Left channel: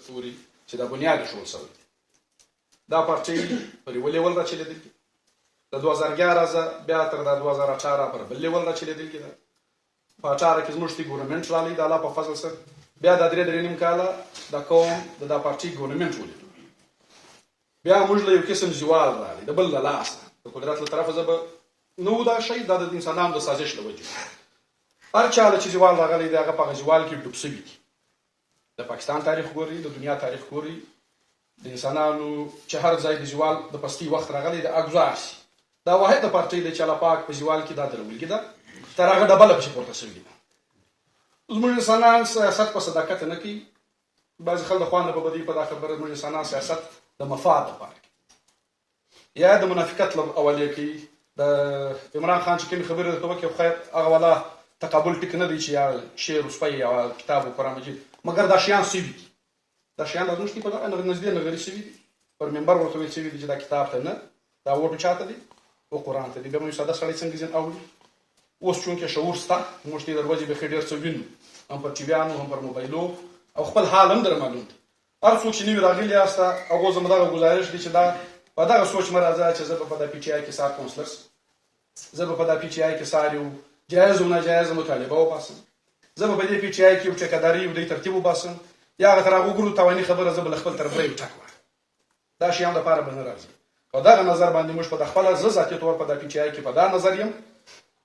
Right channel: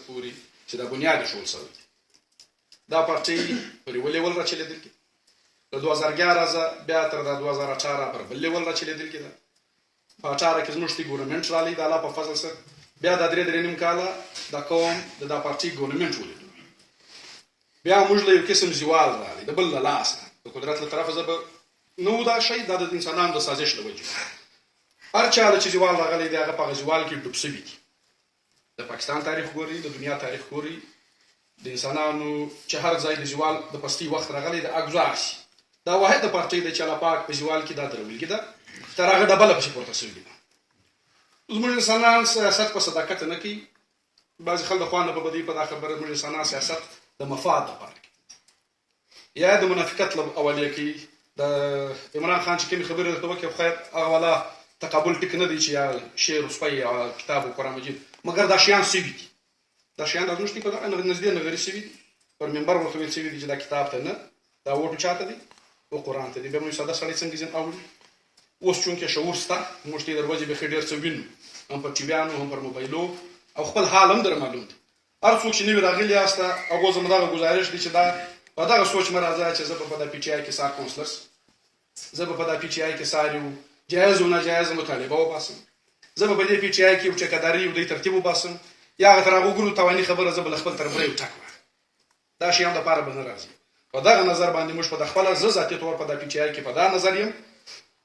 پورې چې دا بنیاد ایښودل شوی دی. دا پارټۍ پر یوه لیول راچلېدلې د 2011 بیا تر دا 2018 پر بل لیول راچلېدلې ده. په 18 کې زموږ تی ګورنمنټ رالی د الله په فضل سره بیا دا 3.5 کاله د قوم د دا پارټۍ ګورنمنټ ولیدو. بیا موږ له یو قسم زوال رالی د بل له لاسه د قدرت له طرفه زه به نو دا شی دا د انسانانو د سازش له وجې هر چا له چې زوال راغلی دی هغه په هغه زوال کې ډوب سوي دي. د پاکستان تاریخ ګوري، د دنیا تاریخ ګوري، د انسانانو چې هر ځای د زوال د پستي وخت راغلی د اګزار شي دا واحد د پارټۍ د چې الله پاک په زوال کې دا درولګي ده تر هغه ډبله پسې پورته سوي دي. زموږ انسانان سیاست په صداقت نه کوي. بعضې خلک د خوا نه په بدۍ په دا خبره زموږ انسانان سیاست د مفاد دپاره کوي یا د منافقت له اولې کوي. د عمران خان چې کومې خبرې درته وکړې خیر هغه والا تقابل ټیک نه دی چې یا شعر وسپی یا کتاب و قرآن مجید مګر دا شیان سوي دي. دا شیان دا زموږ په دغه نږدې نغري سوي دي. پر منبر ورته ویل سوي دي چې دا کتاب ته نه دا ووټ چاته دی او قرآن ته دی. بیا موږ ساده سړی څنګه ځین اوري. اوس چونکې شعور شته موږ ته د ورځې بیخي ډېر څه وینو هم پر ټیویانو هم پر موبایلو او خپل حال هم در معلوم دی. هر څوک چې نوي راغلي یاسته هغو زما دغه ګزارش دی چې دا په دغه سوچ مه راځه چې زه به په دا پی ټي آی کې سار کونسلر زه به په دا پی ټي آی کې سار یو جایز و ناجایز مطالبه وباسم. زه به په دې پی ټي آی کې یو ټیکهداري یو دی ترتیب وباسم یا هغه تر هغه وګورو تاواني خبره زه به له خپل طرف یو ټک وایم. دا شیان دپاره به نه راځي. په دغه نظر باندې موږ په د خپله زه ذاتي طور په دا پی ټي آی کې په دا نظر یم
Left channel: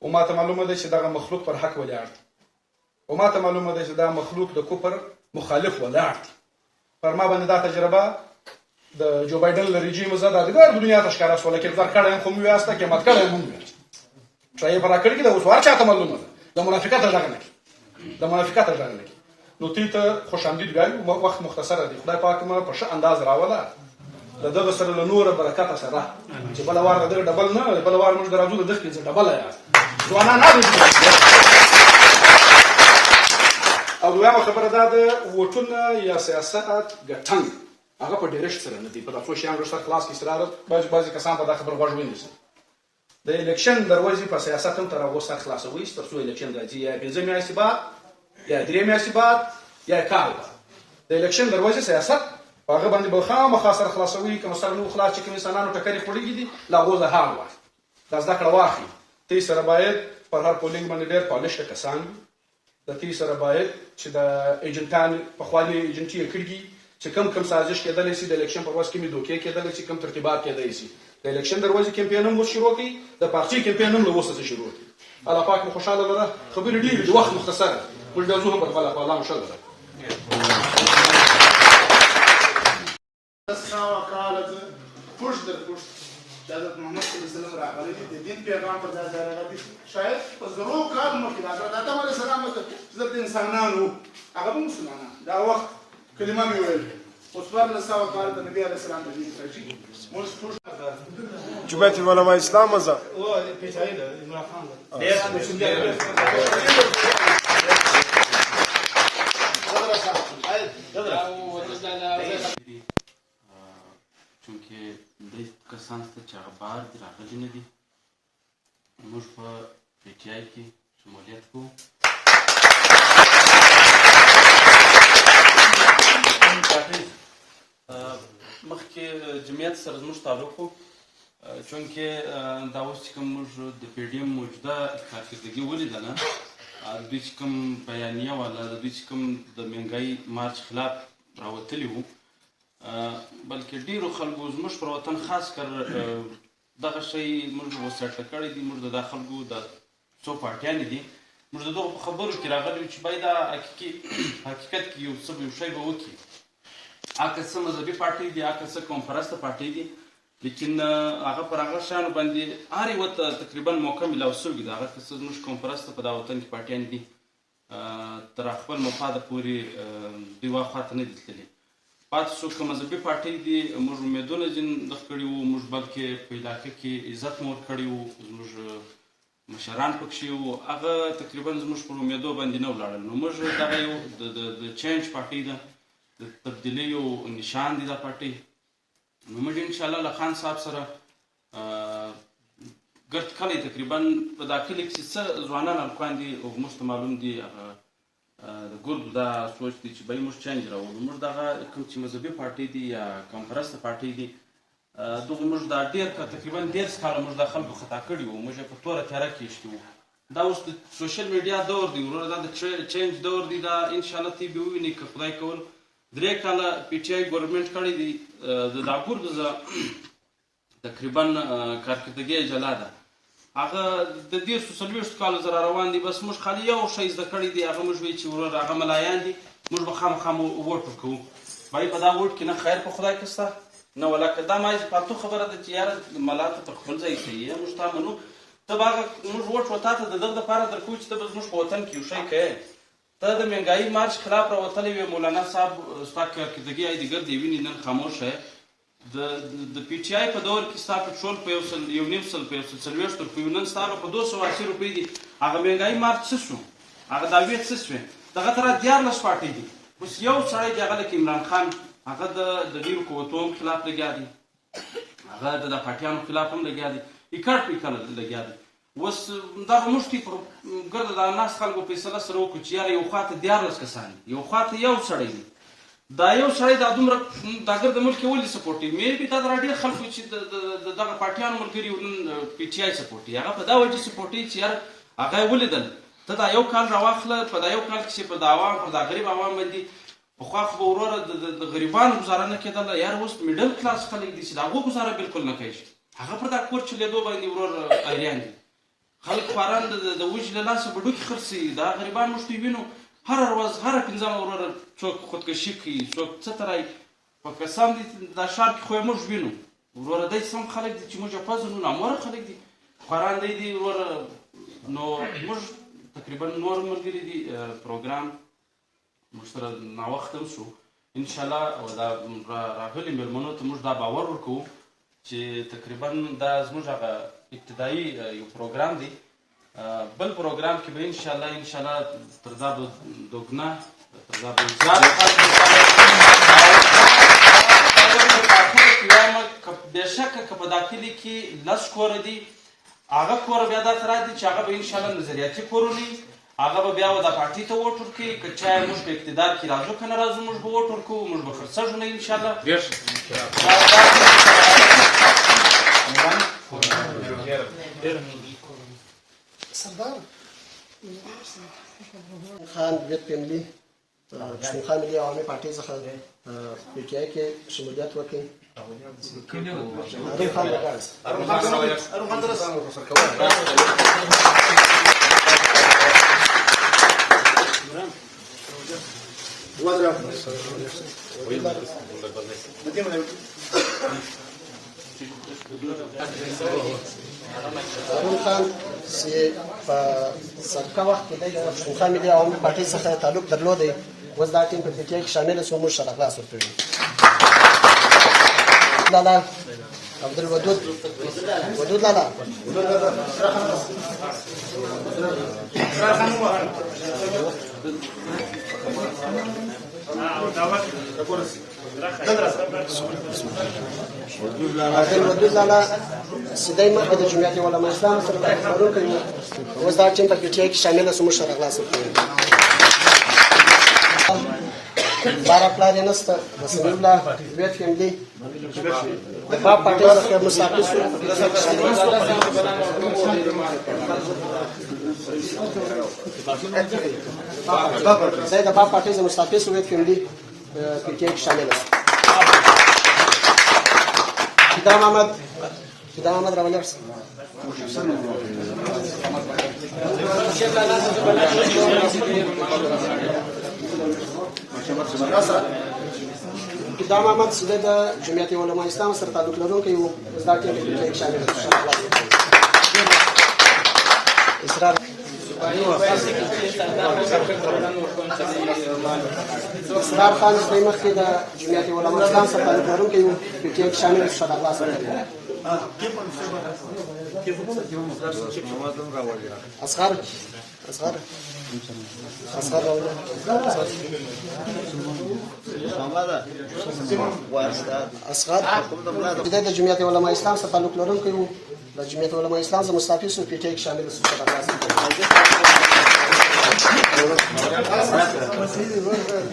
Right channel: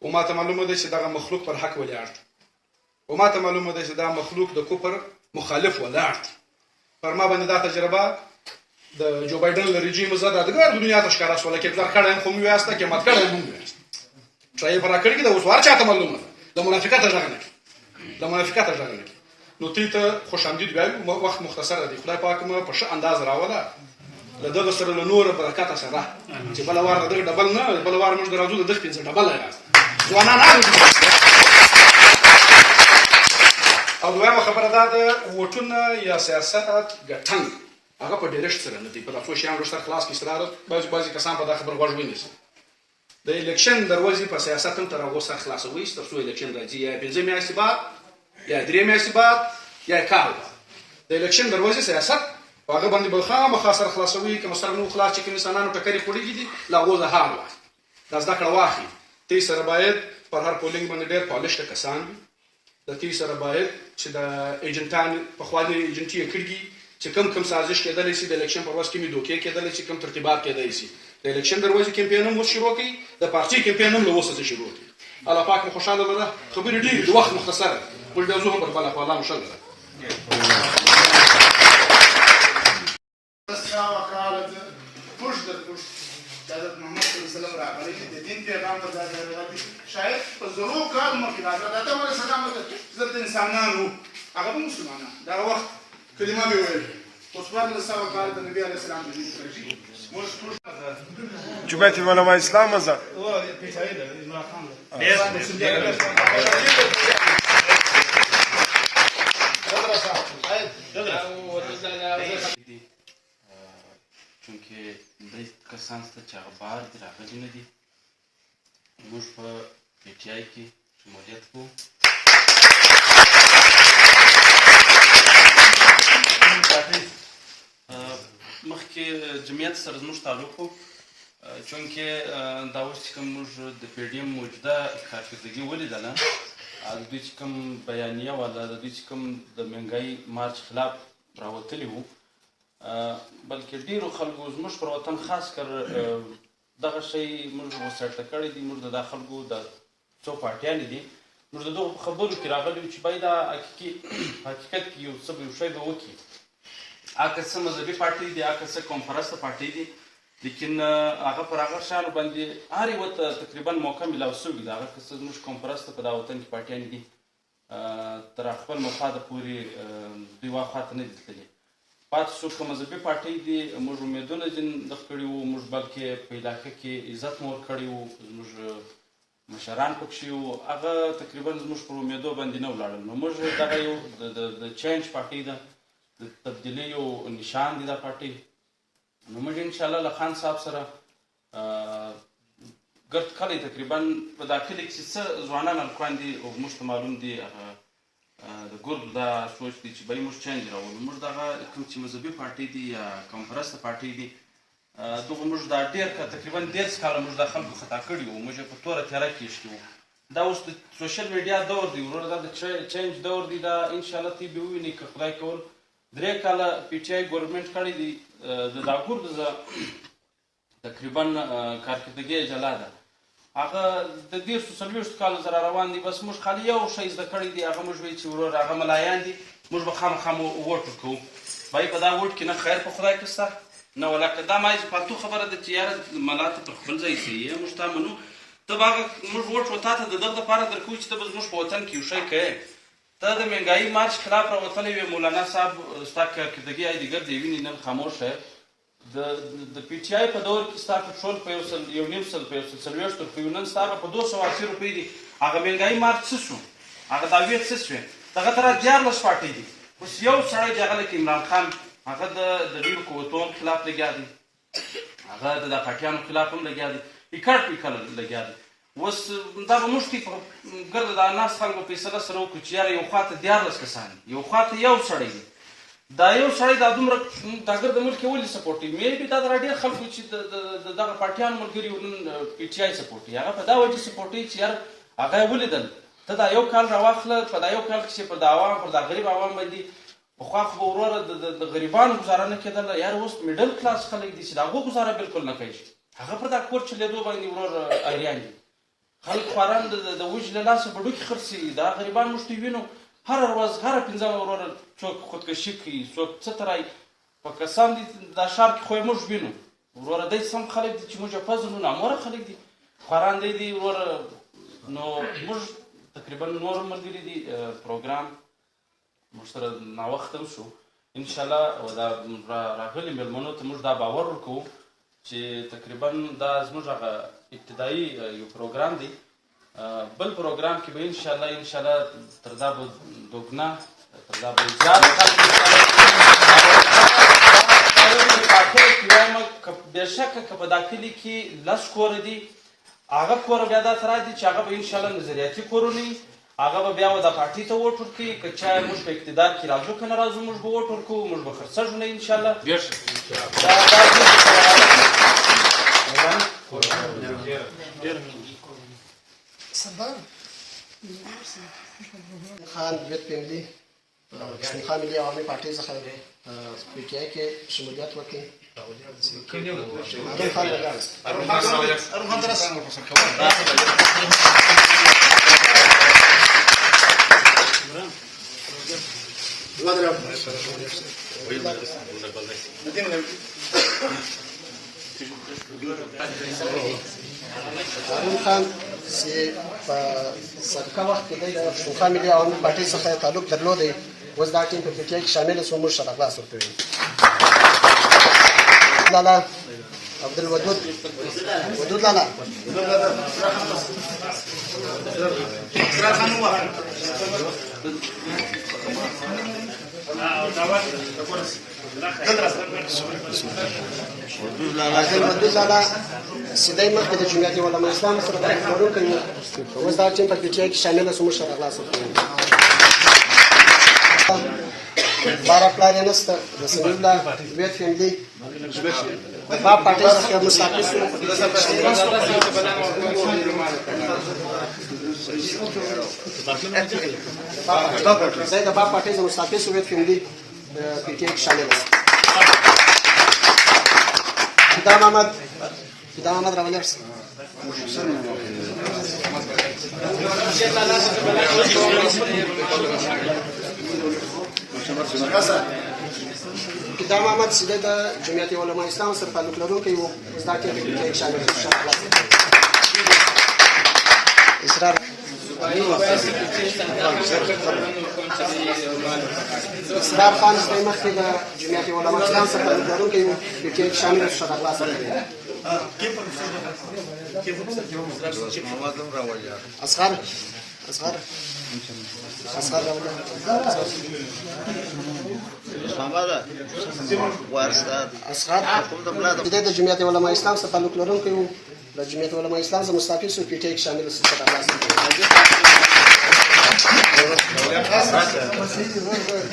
او ما ته معلومه ده چې دغه مخلوق پر حق ولاړ دی او ما ته معلومه ده چې دا مخلوق د کفر مخالف ولاړ دی. پر ما باندې دا تجربه د جو بایدن له رژیم زه دا دګر دنیا ته ښکاره شوله کې بلار کړی هم خو مې ویاسته قیمت کړی هم ویاسته ټرای پر راکړی دا اوس هر چاته معلومه ده د منافقت غږ نه کوي د منافقت غږ نه کوي. نو تی ته خوش آمدید وایو وخت مختصره دی. خدای پاک مې په ښه انداز راوله له دغه سره له نوره برکته سره چې بله وار د دغه ډبل نه بله وار موږ د راځو د دغ پنځه ډبله یاست ځوانان هغه او دویمه خبره دا ده ووټونه یا سیاست ګټنګ هغه په ډېرښت سره نه دی. په دا څو شیانو رشته خلاص کړي سره بعضې کسان په دا خبره غوږ ونیسي. د الیکشن دروازې په سیاست هم تر هغو سر خلاصوي تر څو الیکشن راځي یا 5 میاشتې بعد یا 3 میاشتې بعد یا کال بعد. د الیکشن دروازې سیاست په هغه باندې به خامخا سر خلاصوي که سره نو خلاص چې کوم انسانانو ټکرې خوړېږي دي له هغو زه حال واخلي دا زده کړه واخلي. تی سره باید پر هر پولینګ باندې ډېر پالشته کسان وي. د تی سره باید چې د ایجنټان پخواني ایجنټي یې کړي دي چې کم سازش کېدلی شي د الیکشن پر ورځ کومې دوکې کېدلی شي کوم ترتیبات کېدلی شي. د الیکشن دروازې کمپین هم اوس شروع کړي د پارټۍ کمپین هم له اوسه شروع کړي. الله پاک مو خوشحاله لره. خبرې ډېرې د وخت مختصره موږ بیا ځو هم پر بله خوا الله مو ښه لره. حضرت محمد صلی الله علیه وسلم راغلی د دین پیغام ته ځای راغلی شاید په زرو کال مخکې د حضرت آدم علیه السلام حضرت انسانانو هغه به مسلمانان دا وخت کلمه مې ویل اوس 1400 کال د نبي علیه السلام د دین راځي موږ ټول جمعیت علماء اسلام مزه او پیټای ده عمران خان چونکې درې کسان شته چې هغه بهر دي راغلي نه دي. موږ په پی ټي آی کې شمولیت کوو. مخکې جمعیت سره زموږ تعلق و چونکې دا اوس چې کوم موږ د پی ډي ایم موجوده کارکردګي ولیدله د دوی چې کوم بیانیه والا د دوی چې کوم د مهنګایي مارچ خلاف راوتلي وو بلکې ډېرو خلکو زموږ پر وطن خاص کر دغه شی موږ وسرته کړی دي. موږ د دا خلکو د څو پارټیانې دي موږ د دغو په خبرو کې راغلي وو چې باید دا حقیقت کې یو څه یو شی به وکړي. هغه څه مذهبي پارټۍ دي هغه څه قوم پرسته پارټۍ دي لیکن هغه پر هغه شیانو باندې هر یوه ته تقریبا موقع میلاو شوې ده. هغه څه زموږ قوم پرسته په دا وطن کې پارټیانې دي تر خپل مفاده پورې دوی واخوا ته نه دي تللي. پاتې شو که مذهبي پارټۍ دي موږ امیدونه ځینې دغه کړي وو. موږ بلکې په علاقه کې عزت مو ورکړی وو. زموږ مشران پکښې وو هغه تقریبا زموږ پر امیدو باندې نه ولاړل. نو موږ دغه یو د چینج پارټۍ ده د تبدیلي یو نشان دی دا پارټۍ. نو موږ انشاءالله له خان صاحب سره ګرد کلی تقریبا په دا کلي کښې څه ځوانان هلکان دي او موږ ته معلوم دي هغه د ګردو دا سوچ دی چې به موږ چینج راولو. موږ دغه کوم چې مذهبي پارټۍ دي یا کمپرسته پارټۍ دي دغه موږ دا ډېر تقریبا 10 کاله موږ د خلکو خطا کړي وو، موږ یې په توره تیاره کې ایښي وو. دا اوس د سوشل میډیا دور دی وروره، دا د چینج دور دی. دا انشاءالله تی به ووینئ که خدای کول 3 کاله پی ټي آی ګورنمنټ کړی دی. د دا ګردو تقریبا کارکردګي جلا ده، هغه د 40 کالو سره روان دي. بس موږ خالي یو شی زده کړی دی، هغه موږ وایي چې وروره هغه ملایان دي، موږ به خامخا ووټ ورکوو. بای په دا ووټ کې نه خیر په خدای کې سته نه ولکه دا ما فالتو خبره ده چې یاره ملا ته پر خپل ځای صحیح موږ تا منو، ته به هغه موږ ووټ و تا ته د دغه دپاره درکوو چې ته به زموږ په وطن کې یو شی کوې. ته د مهنګایي مارچ خلاف راوتلی وې، مولانا صاحب ستا کارکردګي ای دیګر دی ویني نن خاموش دی. د پی ټي آی په دور کې ستا پټرول په 1.5 سل په 140 روپیو، نن ستا هغه په 280 روپۍ دي. هغه مهنګایي مارچ څه شو؟ هغه دعوې څه شوې؟ دغه ته را 14 پارټۍ دي. اوس یو سړی دی هغه لکه عمران خان، هغه د ډېرو قوتونو خلاف لګیا دی، هغه د پاټیانو خلاف هم لګیا دی، ایکاړ پیکړ لګیا دی. اوس دا به موږ په ګرده د ناست خلکو فیصله سره وکړو چې یاره یو خواته 14 کسان دي، یو خواته یو سړی دی. دا یو سړی دا دومره دا ګرده ملک یې ولې سپورټ کوي؟ مې بي دا د ډېر خلکو چې د دغه پاټیانو ملګري نن پی ټي آی سپورټ کوي، هغه په دا وجه سپورټ کوي چې یاره هغه یې ولیدل. ته دا یو کال راواخله، په دا یو کال کې چې پر د عوام پر دا غریب عوام باندې پخوا خو به وروره د غریبانو ګزاره نه کېدله، یاره اوس میډل کلاس خلک دي چې د هغو ګزاره بالکل نه کوي. هغه پر دا کور چلېدو باندې ورور ایریان دي، خلک خواران د وجې له لاسه بډوکې خرڅوي. دا غریبان موږ ته وینو هره ورځ هره 15 وروره څوک خودکشي کوي، څوک څه ته رایي. په قسم دي دا ښار کې خو یې موږ وینو وروره دی سم خلک دي چې موږ یې پزنو، ناموره خلک دي، خواران دی وروره. نو موږ تقریبا نور ملګري دي پروګرام موږ سره ناوخته هم شو انشاءالله. او دا راغلي مېلمنو ته موږ دا باور ورکوو چې تقریبا دا زموږ هغه ابتدایي یو پروګرام دی. بل پروګرام کې به انشاءالله تر دا به دوګنا تر دا به زیات خلک بېشکه که په دا کلي کې 10 کوره دي، هغه کوره بیا دا تر دي چې هغه به انشاءالله نظریاتي کورونه وي، هغه به بیا د پارټۍ ته ووټ ورکوي. که چا موږ په اقتدار کې راځو که نه راځو موږ به ووټ ورکوو، موږ به خرڅېږو نه انشاءالله. خان ویت فیملی پښتونخوا ملي عوامي پارټۍ څخه پی ټي آی کې شمولیت وکړي. خان چې په سابقه وخت کې د پښتونخوا ملي عوامي پارټۍ څخه تعلق درلودی، اوس دا ټیم په پی ټي آی کې شامل شو، موږ سره خلاص ورکوي. لالا عبدالودود لالا عبدالودود لالا سیدای مخکې د جمعیت علما اسلام سره تعلق لرونکی و، اوس دا ټیم په پی ټي آی کې شامل شو، موږ سره خلاص ورکوي. بارا پلار یې نسته د سمیع الله ویت فیملی د باب پارټۍ څخه مستعفي شو. دی د باب پارټۍ څخه مستعفي شو، ویت فیملی پی ټي آی کې شامل شو. فدا محمد راولرس فدا محمد سیده د جمعیت علما اسلام سره تعلق لرونکی و، اوس دا ټیم په پی ټي آی کې شامل شو. اسرار اسرار خان سیده مخکې د جمعیت علما اسلام سره تعلق لرونکی و، پی ټي آی کې شامل شو. اصغر د جمعیت علما اسلام سره تعلق لرونکی و، د جمعیت علما اسلام څخه مستعفي شو، پی ټي آی کې شامل شو.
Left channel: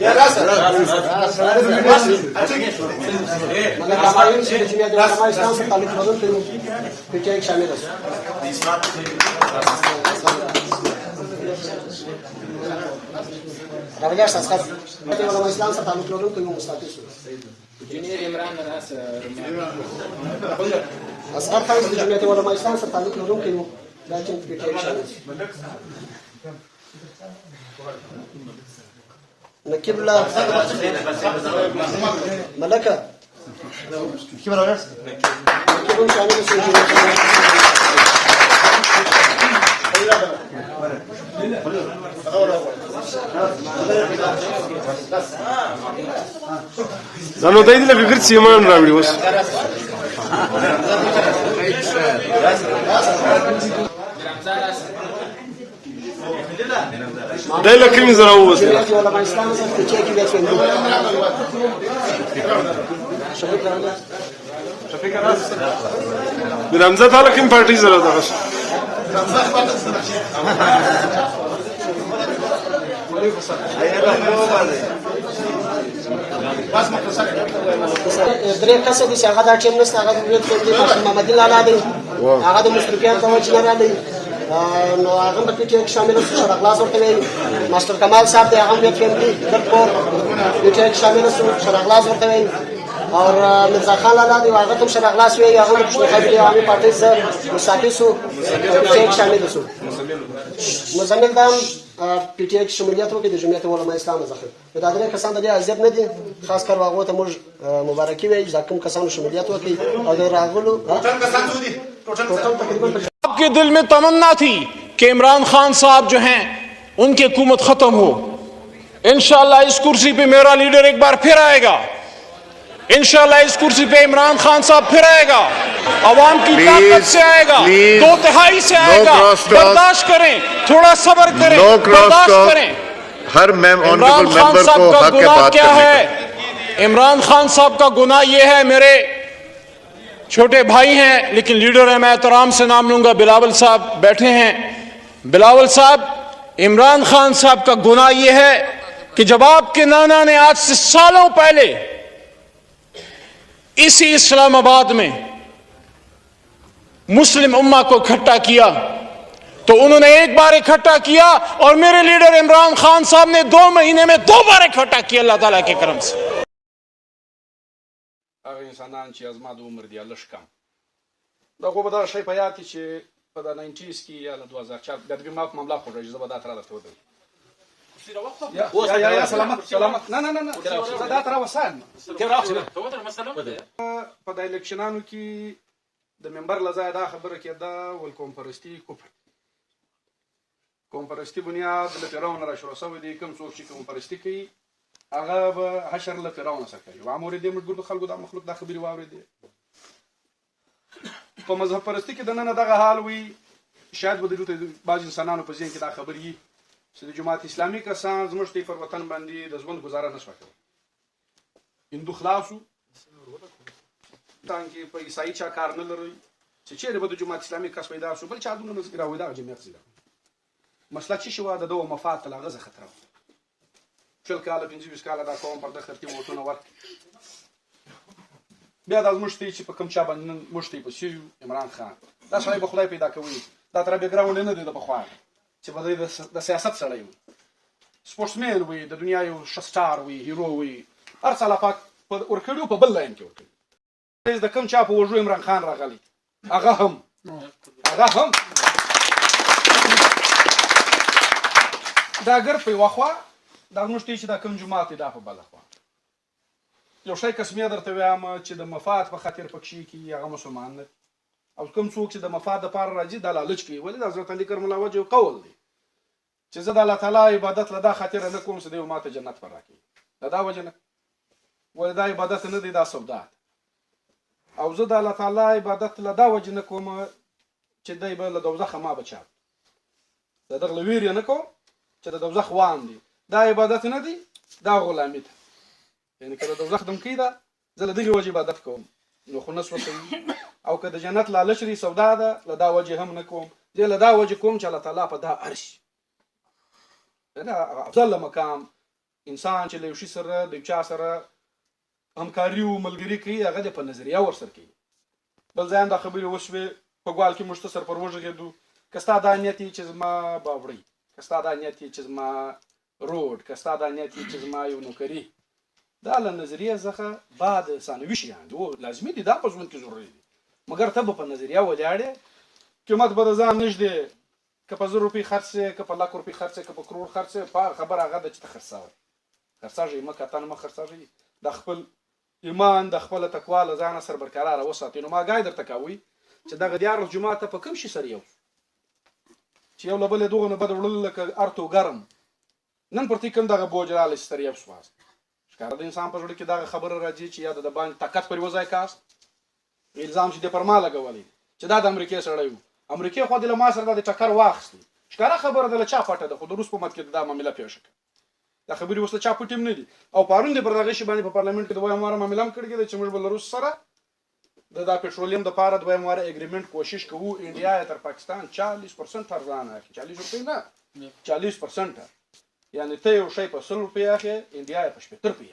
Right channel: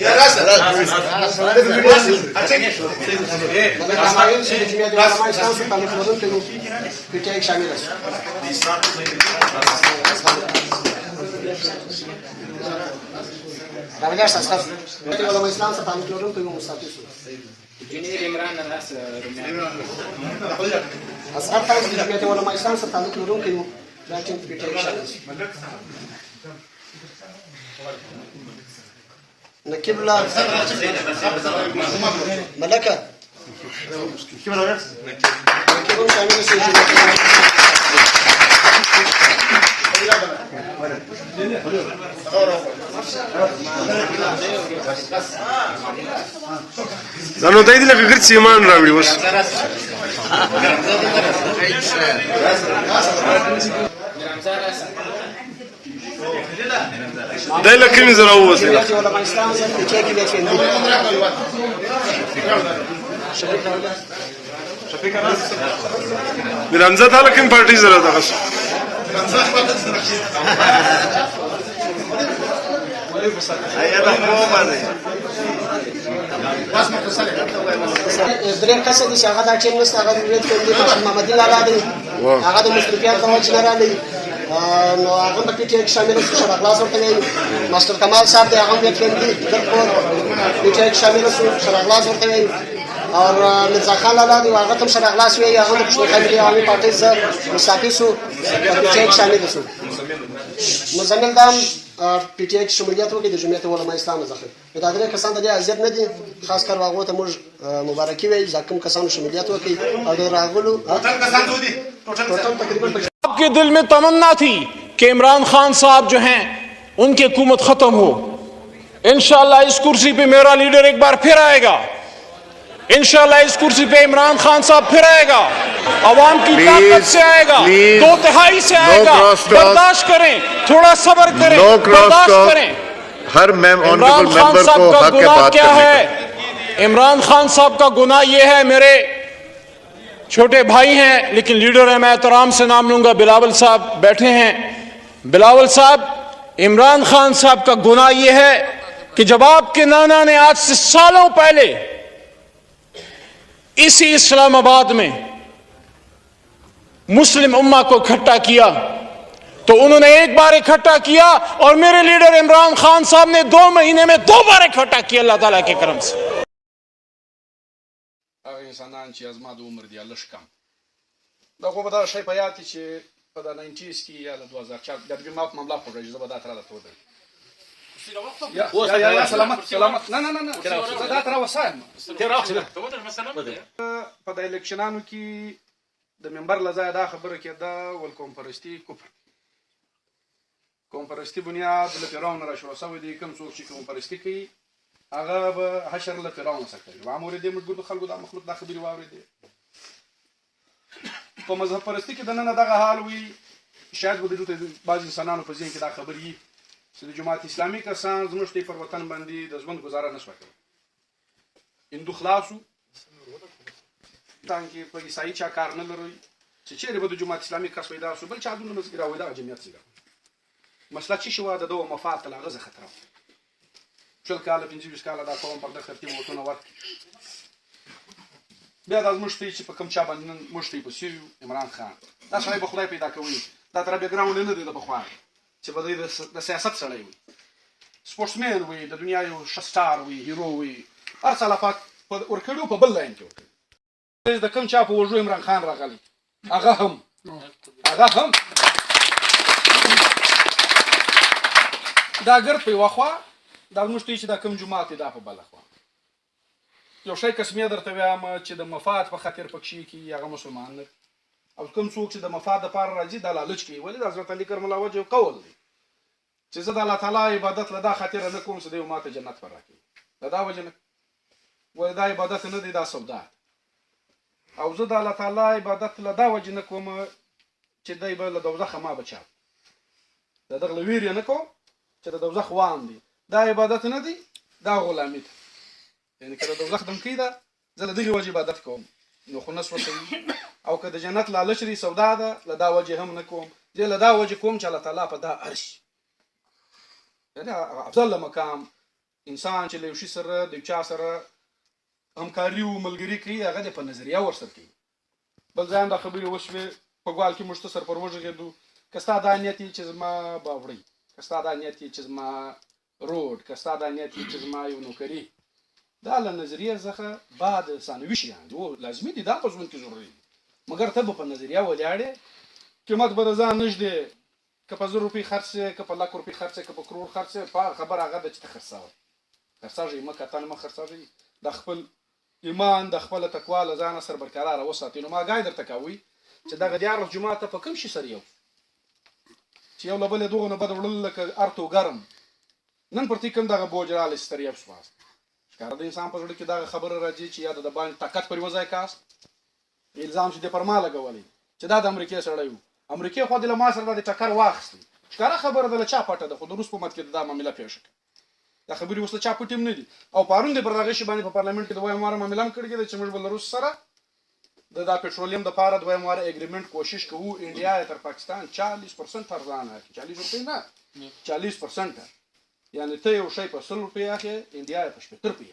یا راسه ملک چې د جمعیت علماء اسلام سره تعلق لرونکی وو پی ټی آی کې شامل شو. راغلی اساس جمعیت علماء اسلام سره تعلق لرونکی وو مستعفي شو. جنید عمران ناس اصغر فایز د جمعیت علماء اسلام سره تعلق لرونکی وو دا چې پی ټی آی کې شامل شو. نقیب الله ملکه نقیب شامل شو. دا نو دای دې لکه ګرځي ایمان راوړي اوس دای لکه کومې زره ووسې جمعیت علماء اسلام سره پی ټی آی کې بیا چې د رمزه تعالی کوم پارټي زره دغه شو درې کسه دي چې هغه دا ټیم نشته، هغه د ورید فیملي ماشین محمدي لالا دی، هغه د مشرفیات په وجه نه راغلی، نو هغه هم په پی ټي آی کې شامل شو. شرف اخلاص ورته وایي. ماسټر کمال صاحب دی، هغه هم ورید فیملي درپور پی ټي آی کې شامل شو. شرف اخلاص ورته وایي. اور مرزا خان لالا دی، هغه هم شرف اخلاص وایي، هغه هم د پښتون قبیلې عوامي پارټۍ سره مستعفي شو، په پی ټي آی کې شامل شو. مزمل دا هم پی ټي آی کې شمولیت وکړي د جمعیت علماء اسلام څخه. دا درې کسان د دې اذیت نه دي، خاص کر هغو ته موږ مبارکي وایو چې دا کوم کسانو شمولیت وکړي او د راغلو ټوټل تقریبا आपके दिल में तमन्ना थी कि इमरान खान साहब जो हैं उनकी हुकूमत खत्म हो। इंशाअल्लाह इस कुर्सी पे मेरा लीडर एक बार फिर आएगा, इंशाअल्लाह इस कुर्सी पे इमरान खान साहब फिर आएगा, अवाम की ताकत से आएगा, 2/3 से आएगा। बर्दाश्त करें, थोड़ा सब्र करें, बर्दाश्त करें। हर इमरान खान साहब का गुनाह क्या है? इमरान खान साहब का गुनाह यह है, मेरे छोटे भाई हैं लेकिन लीडर है, मैं एहतराम से नाम लूंगा, बिलावल साहब बैठे हैं। बिलावल साहब, इमरान खान साहब का गुनाह यह है कि जब आपके नाना ने आज से सालों पहले इसी इस्लामाबाद में मुस्लिम उम्मा को इकट्ठा किया तो उन्होंने एक बार इकट्ठा किया और मेरे लीडर इमरान खान साहब ने 2 महीने में 2 बार इकट्ठा किया अल्लाह ताला के करम से। هغه انسانان چې زما د عمر دی لږ کم دغه به دا شی په یاد چې په د 90s کې یا 2004 د دې معاملې په اړه زه به دا تر راته ودرم یا سلامت نه دا تر وسایم په د الیکشنانو کې د ممبر لزای دا خبره کېده ول کومپرستی کوپر کومپرستی بنیاد له پیراون را شروع شوی دی، کوم څوک چې کومپرستی کوي هغه به حشر له پیراون سره کوي. عام اوریدې موږ ګورو خلکو دا مخلوق دا خبري واورېدې. په مذهب پرستی کې د نن دغه حال وي، شاید به د بعض انسانانو په ذهن کې دا خبرې چې د جماعت اسلامي کسان زموږ ته پر وطن باندې د ژوند گزاره نشو کوي. هندو خلاصو تانکي په عیسائی چا کار نه لري چې چیرې به د جماعت اسلامي کس پیدا شو بل چا دونه مزګر او دا جمعیت څنګه مسلک شي شو د دوه مفاد ته لغزه خطر شل کاله 25 کاله دا کوم پر د خرتي وټونه ورک بیا د مشتي چې په کوم چا باندې مشتي په سیو عمران خان دا شای په خدای پیدا کوي دا تر بیک ګراوند نه دی د بخوان چې په د سیاست سره وي سپورټسمن وي د دنیا یو شستار وي هیرو وي هر څه لپاره ورکړو په بل لاین کې ورکړي د کوم چا په وژو عمران خان راغلی هغه هم دا ګر په واخوا دا مشتي چې دا کوم جماعت دا په بل خوا یو شی قسمه درته وایم چې د مفاد په خاطر پکشي کې هغه مسلمان نه او کوم څوک چې د مفاد لپاره راځي د لالچ کې ولې د حضرت علی کرم الله وجه قول دی چې زه د الله تعالی عبادت لدا خاطر نه کوم چې د ماته جنت پر راکړي دا وجه نه ولې دا عبادت نه دی دا سودا او زه د الله تعالی عبادت لدا وجه نه کوم چې دای به له دوزخ ما بچا دغه ویر نه کوم چې د دوزخ وام دي دا عبادت نه دی دا غلامی ده یعنی کله دوزخ دم کیدا زه له دغه وجه عبادت کوم نو خو نس وته او که د جنت لالچ لري سودا ده له دا وجه هم نه کوم زه له دا وجه کوم چې الله تعالی په دا عرش افضل مقام انسان چې له یو شي سره د چا سره همکاري او ملګري کوي هغه د په نظریه ورسره کوي. بل ځای هم دا خبرې وشوې په ګوال کې موږ ته سر پر وغږېدو که ستا دا نیت چې زما باوړی، که ستا دا نیت چې زما روډ، که ستا دا نیت چې زما یو نوکري، دا له نظریې څخه بعد ثانوي شیان دي، لازمي دي، دا په ژوند کې ضروري دي، مګر ته به په نظریه ولاړې قیمت به د ځان نږدې که په 1000 روپۍ خرڅ شي، که په 100 روپۍ خرڅ شي، که په کروړ خرڅ شي، په خبره هغه ده چې ته خرڅاږې مه کتن مه خرڅاږې، د خپل ایمان د خپله تقوا له ځانه سره برقراره وساتئ. نو ما ګای درته کوي چې دغه 14 جمعه ته په کوم شي سره یو چې یو له بلې دغو نه بد وړل لکه ارتو ګرم نن پر کوم دغه بوج رالی چې تر یو شواست ښکاره د انسان په زړه کې دغه خبره راځي چې یا د باندې طاقت پر یوه ځای کاست الزام چې دې پر ما لګولی چې دا د امریکې سړی و، امریکې خو دې له ما سره دا د ټکر واخیستی، ښکاره خبره ده له چا پټه ده، خو د روس په حکومت کې دا معامله پیښه کړه، دا خبرې اوس له چا پټې هم نه دي. او پرون دې پر دغه شي باندې په پارلمنټ کې د دویم واره معامله هم کړې ده چې موږ به له روس سره د دا پټرولیم دپاره دویم واره اګریمنټ کوشش کوو انډیا یې تر پاکستان 40% ارزانه اخلي، 40 روپۍ نه 40%، یعنې ته یو شی په 100 روپۍ اخلې انډیا یې په 70 روپۍ،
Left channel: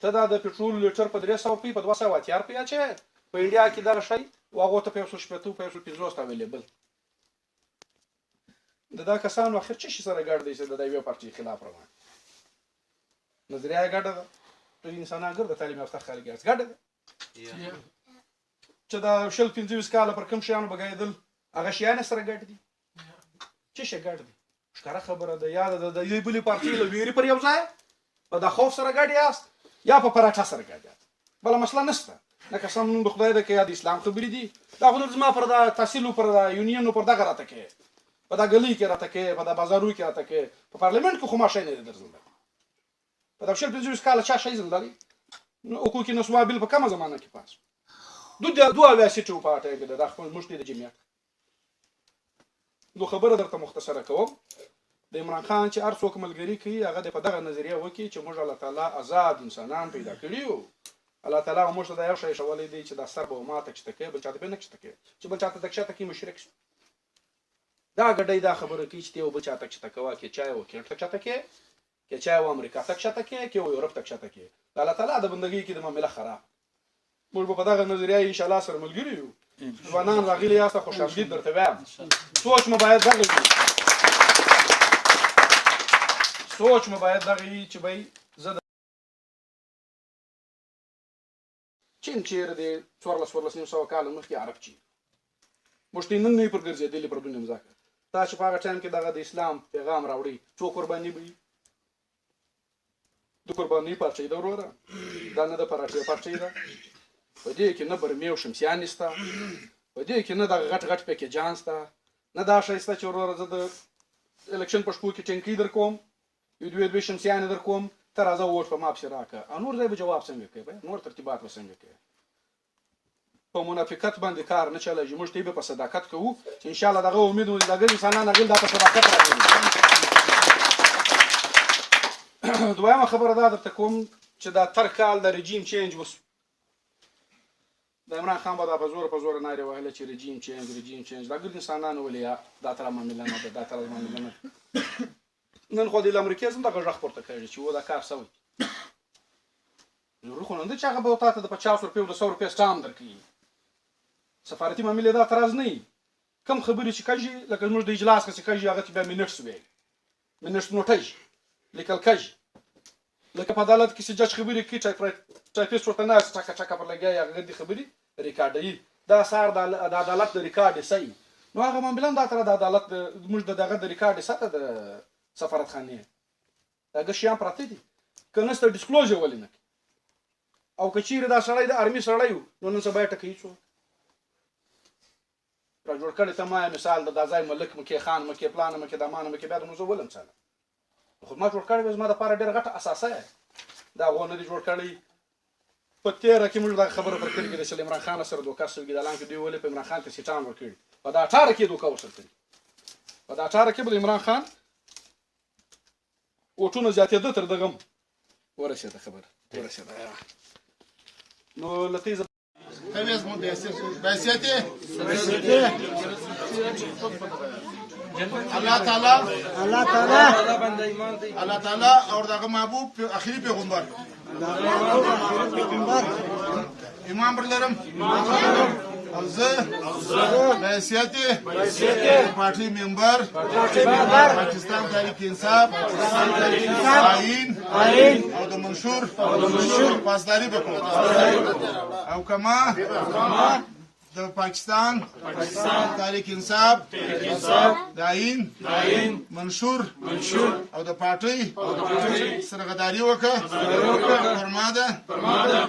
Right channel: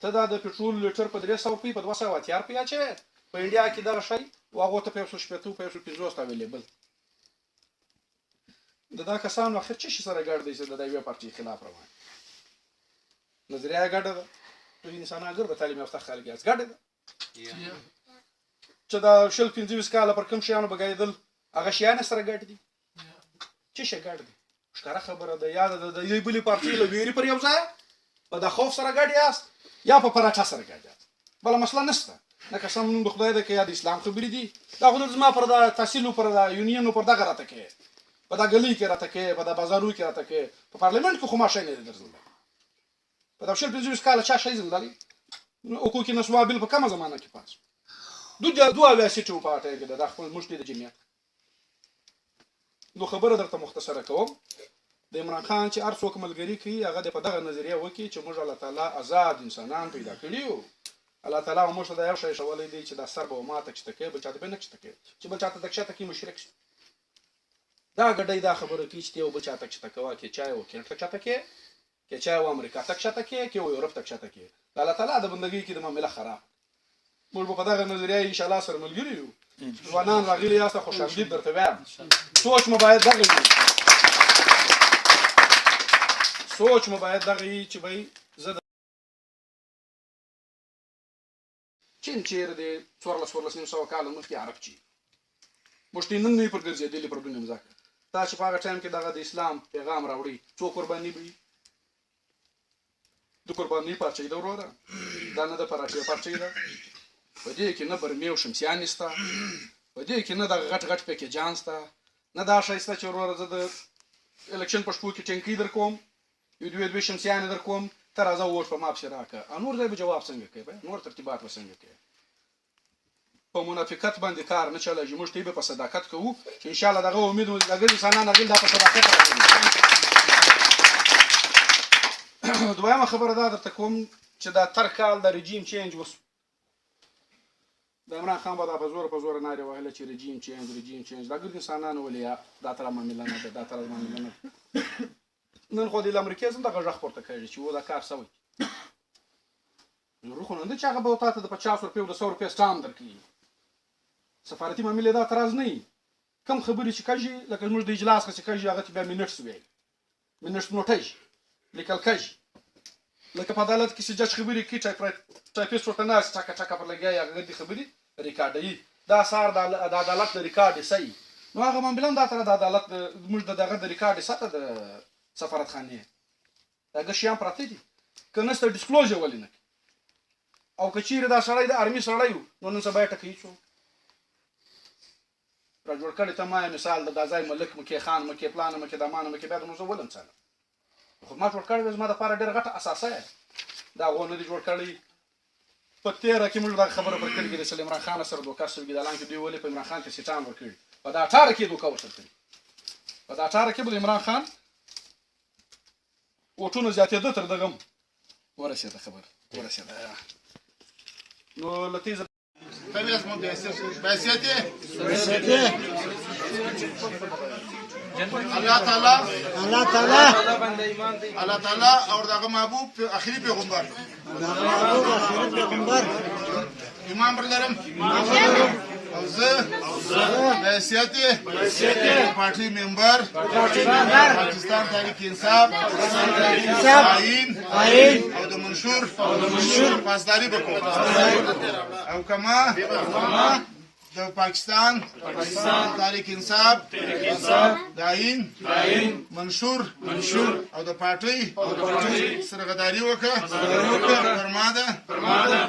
ته دا د پټرول لیټر په 300 روپۍ په 280 روپۍ اچوې په انډیا کې دغه شی و هغو ته په 180 په 150 اویلیبل. د دا کسانو اخر څه شي سره ګډ دی چې د یوې پارټۍ خلاف روان نظریه یې ګډه ده، ټول انسانان ګرده تعلیم یافته خلک یاست ګډه ده چې دا 25 کاله پر کوم شیانو بګایدل هغه شیان سره ګډ دي، څه شی ګډ دي ښکاره خبره ده، یا د یوې بلې پارټۍ له ویرې پر یو ځای په د خوف سره ګډ یاست یا په پراټه سره ګډ یاست، بله مسله نشته. نه قسم نوم د خدای ده که یا د اسلام خبرې دي دا خو زما پر د تحصیلو پر د یونینو پر دغه راته کوې په دا ګلۍ کې راته کوې په دا بازارو کې راته کوې په پارلمنټ کې خو ما شی نه دی درزللی په دا 25 کاله چا شی زلدلی حقوق نسوا بیل په کومه زمانه کې پاس دوه ویاسیټې و په اټه کې دا خپل موږ د جمعیت نو خبره درته مختصره کوم د عمران خان چې هر څوک ملګري کوي هغه د په دغه نظریه وکړي چې موږ الله تعالی آزاد انسانان پیدا کړي یو، الله تعالی موږ ته دا یو شی ښولی دی چې دا سر به ماته کښته کوي بل چاته به نه کښته کوي، چې بل چاته ته کښته کوي مشرک شي، دا ګډۍ دا خبره کوي چې ته یو بل چاته کښته کوه که چا یو کینټ ته کښته کوي که چا یو امریکا ته کښته کوي که یو یورپ ته کښته کوي، د الله تعالی د بندګۍ کې د معامله خراب موږ به په دغه نظریه انشاءالله سره ملګري یو. ځوانان راغلي یاست خوش آمدید درته وایم، سوچ مو باید دغه وي، سوچ مو باید دغه وي چې بهی زه د چین چیرې دی 1400 کاله مخکې عرب چي موږ ته نن نه پر ګرځېدلي پر دنیا مځکه، تاسو په هغه ټایم کې دغه د اسلام پیغام راوړي څو قرباني به وي د قربانۍ پارچۍ ده وروره، دا نه د پراټې پارچۍ ده، په دې کې نه برمې او شمسیانې شته، په دې کې نه دغه غټ غټ پیکیجان شته، نه دا شی شته چې وروره زه د الکشن په شپو کې ټینکۍ در کوم یو دوې شمسیانې در کوم ته راځه ووټ په ما پسې راکړه، او نور ځای به جواب څنګه کوي، نور ترتیبات به څنګه کوي، په منافقت باندې کار نه چلېږي، موږ ته به په صداقت کوو چې انشاءالله دغه امید مو دغه انسانان هغوی دا په صداقت راغلي. دویمه خبره دا درته کوم چې دا تر کال د رژیم چینج وسو د عمران خان به دا په زوره نارې وهله چې رژیم چینج دا ګرد انسانانو ولې دا تر معامله نه ده دا تر معامله نه ده، نن خو د امریکې هم دغه غږ پورته کړی چې و دا کار سوی نو خو نه ده چې هغه به تا ته د 50 روپۍ او د 100 روپۍ سټام درکړي، سفارتي معاملې دا تراز نه وي، کم خبرې چې کږي لکه زموږ د اجلاس که چې کږي هغه ته بیا منټس ویل منټس نوټیږي لیکل کږي، لکه په عدالت کې چې جج خبرې کوي ټایپیسټ ورته ناست ټکه ټکه پر لګیا هغه دې خبرې ریکارډوي، دا سار د عدالت د ریکارډ صحیح نو هغه معامله هم دا تر د عدالت زموږ د دغه د ریکارډ سطح د سفارتخانې هغه شیان پراته دي که نسته ډسکلوزر ولې نه کوي، او که چیرې دا سړی د ارمي سړی و نو نن سبا یې ټکوي څوک را جوړ کړی ته ما مثال د دا ځای ملک مکې خان مکې پلانه مکې دمانه مکې بیا د زه ولم څنګه خو ما جوړ کړی زما دپاره ډېره غټه اساسه دا هغو نه دي جوړ کړی. په تېره کې موږ دغه خبره پر کړې چې د عمران خان سره دوکه سوي د اعلان کې دوی ولې په عمران خان ته سیټان ورکړي، په دا 18 کې دوکه ورسره کړي، په دا 18 کې به د عمران خان وټونه زیاتېده تر دغه هم ورسېده خبره ورسېده نو له تیزه Avesmo desse. Vai ser até. الله تعالی اور دغه محبوب اخري پیغمبر ایمان پر لرم او زه د حیثیت پارټي ممبر پاکستان تحریک انصاف آئین او د منشور پاسداري وکړم او کما د پاکستان تحریک انصاف د آئین منشور او د پارټي سرغداري وکړه فرماده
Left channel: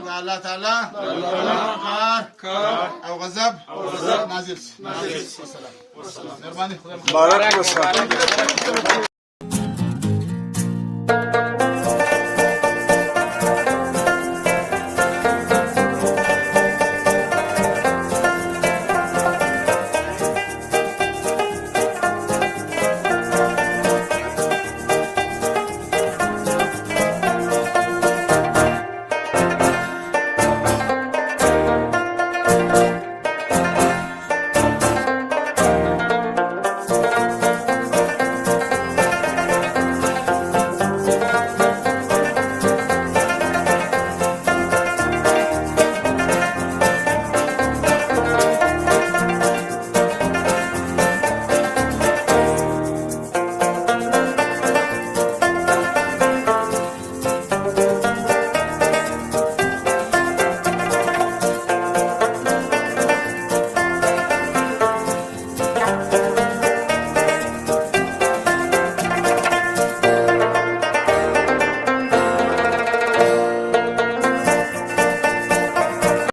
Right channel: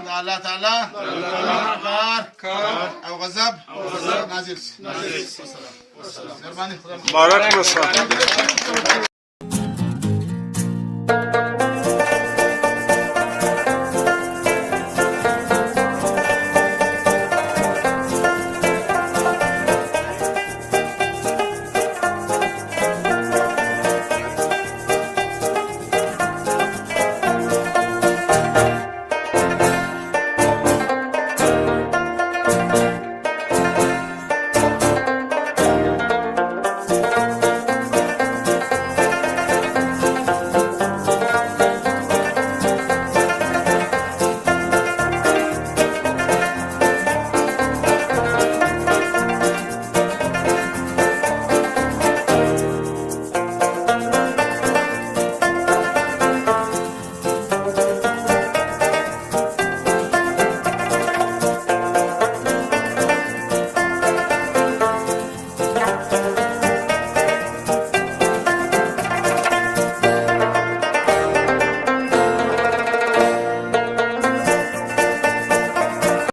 د الله تعالی کار او غضب نازل شي. مهرباني. بارک الله.